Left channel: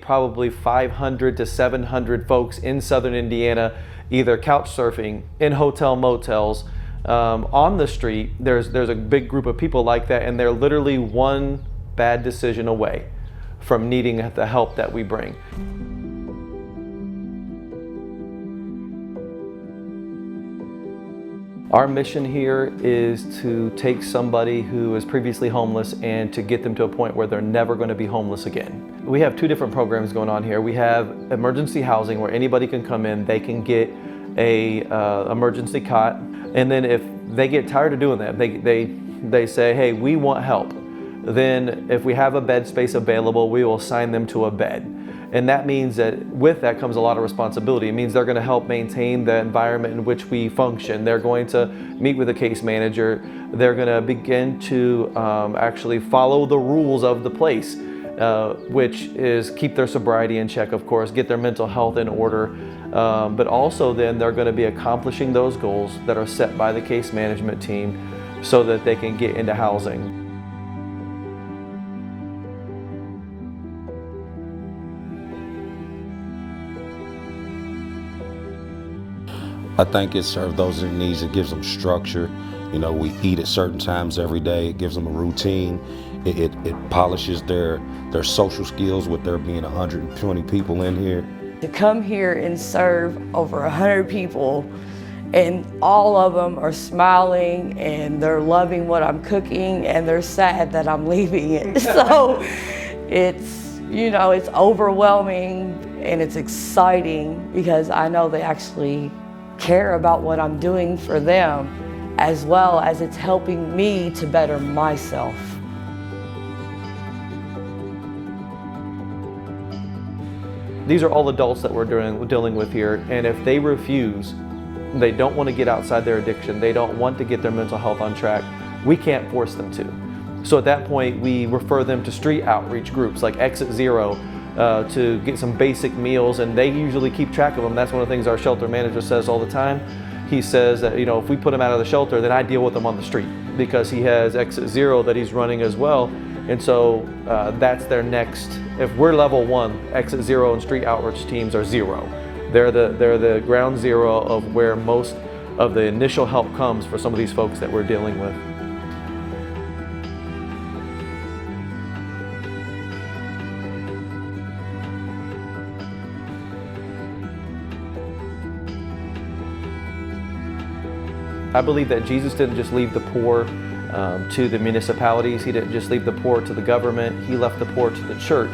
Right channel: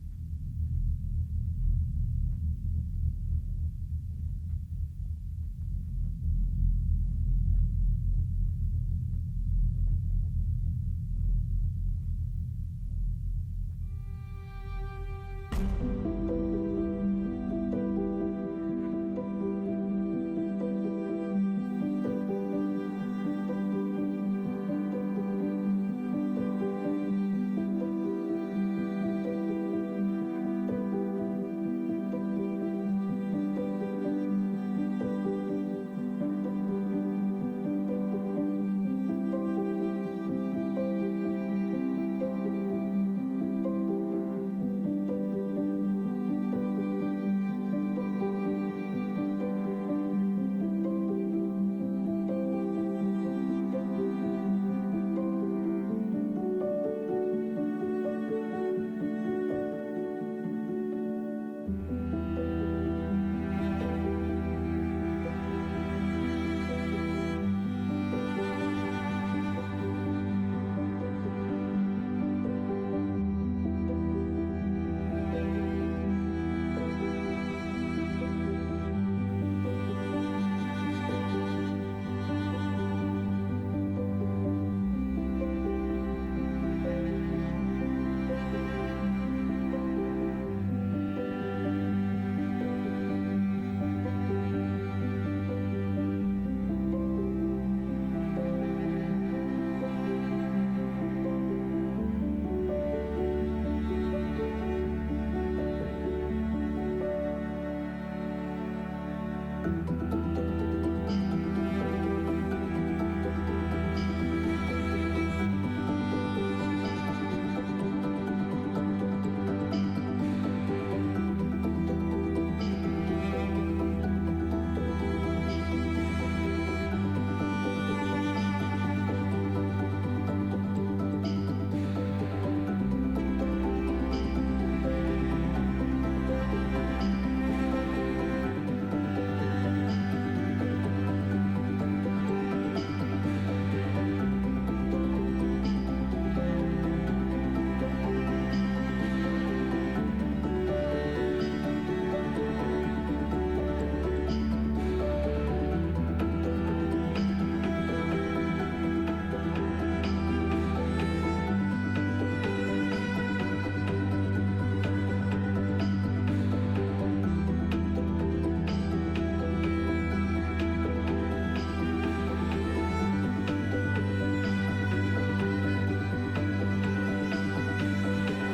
Probably 500 to 700 folks in southern Indiana, either couch surfing, in hotel motels, on the street. There's a big group of people like that, and they're literally one bad decision away from needing the help that we bring. Our mission here is to take somebody who was previously homeless and to get them to a point where they're never going to be homeless again. We have two different programs going on here. We have emergency housing where anybody can come in, they can get a emergency cot, and then if they get tired of doing that, they say, hey, we want help. Then if we have a bed space available, we will assign them to a bed. And that means that with that comes a lot of responsibility. It means they're going to help maintain the environment in which we function. They're going to meet with a case manager. They're going to begin to actually follow the rules of the place, which is keep their sobriety in check, of course, get their mental health in order, but also then they're going to be accomplishing those goals that are set by the case management team so that they can get into housing. I think it serves those in need. It gives them structure. You know, we eat at certain times every day. It gives them a routine. It polishes their social skills with there being 120 people in here. To come here and serve over 100 people, and all of them are smiling and they're loving what I'm cooking, and they're sad that I'm leaving it. So it's, you know, it's overwhelming and it's exciting because I know they actually care about what I'm doing for them, as well as it's helping me to better myself. These are all adults that we're dealing with here, and if they refuse, they don't want to get outside their addiction, they don't want to get their mental health on track, we can't force them to. So at that point, we refer them to street outreach groups like Exit Zero, to get some basic meals, and they usually keep track of them. That's one of the things our shelter manager says all the time. He says that, you know, if we put them out of the shelter, then I deal with them on the street because he has Exit Zero that he's running as well. And so that's their next, if we're level 1, Exit Zero and street outreach teams are 0. They're the ground zero of where most of the initial help comes for some of these folks that we're dealing with. I believe that Jesus didn't just leave the poor to the municipalities. He didn't just leave the poor to the government. He left the poor to the church.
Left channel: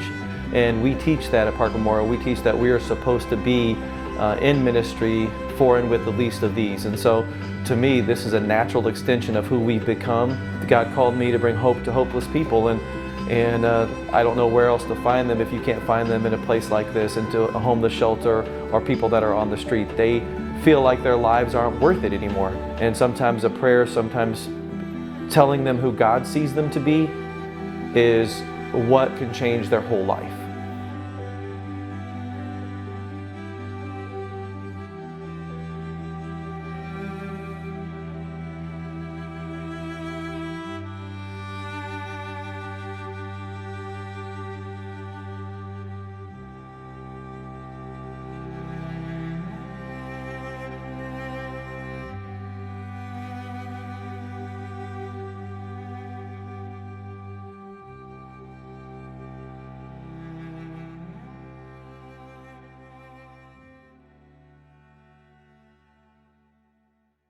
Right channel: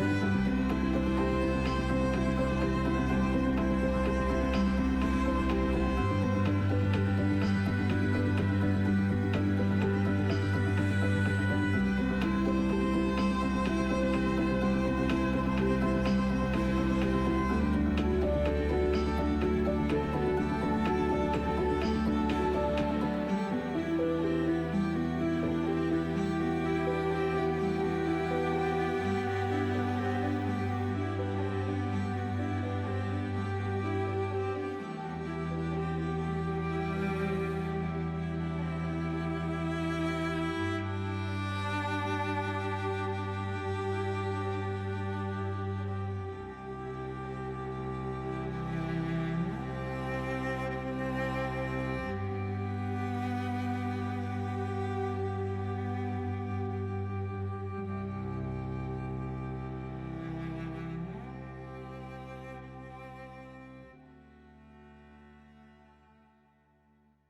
And we teach that at Park Memorial. We teach that we are supposed to be in ministry for and with the least of these. And so to me, this is a natural extension of who we've become. God called me to bring hope to hopeless people, and I don't know where else to find them if you can't find them in a place like this, into a homeless shelter or people that are on the street. They feel like their lives aren't worth it anymore. And sometimes a prayer, sometimes telling them who God sees them to be is what can change their whole life.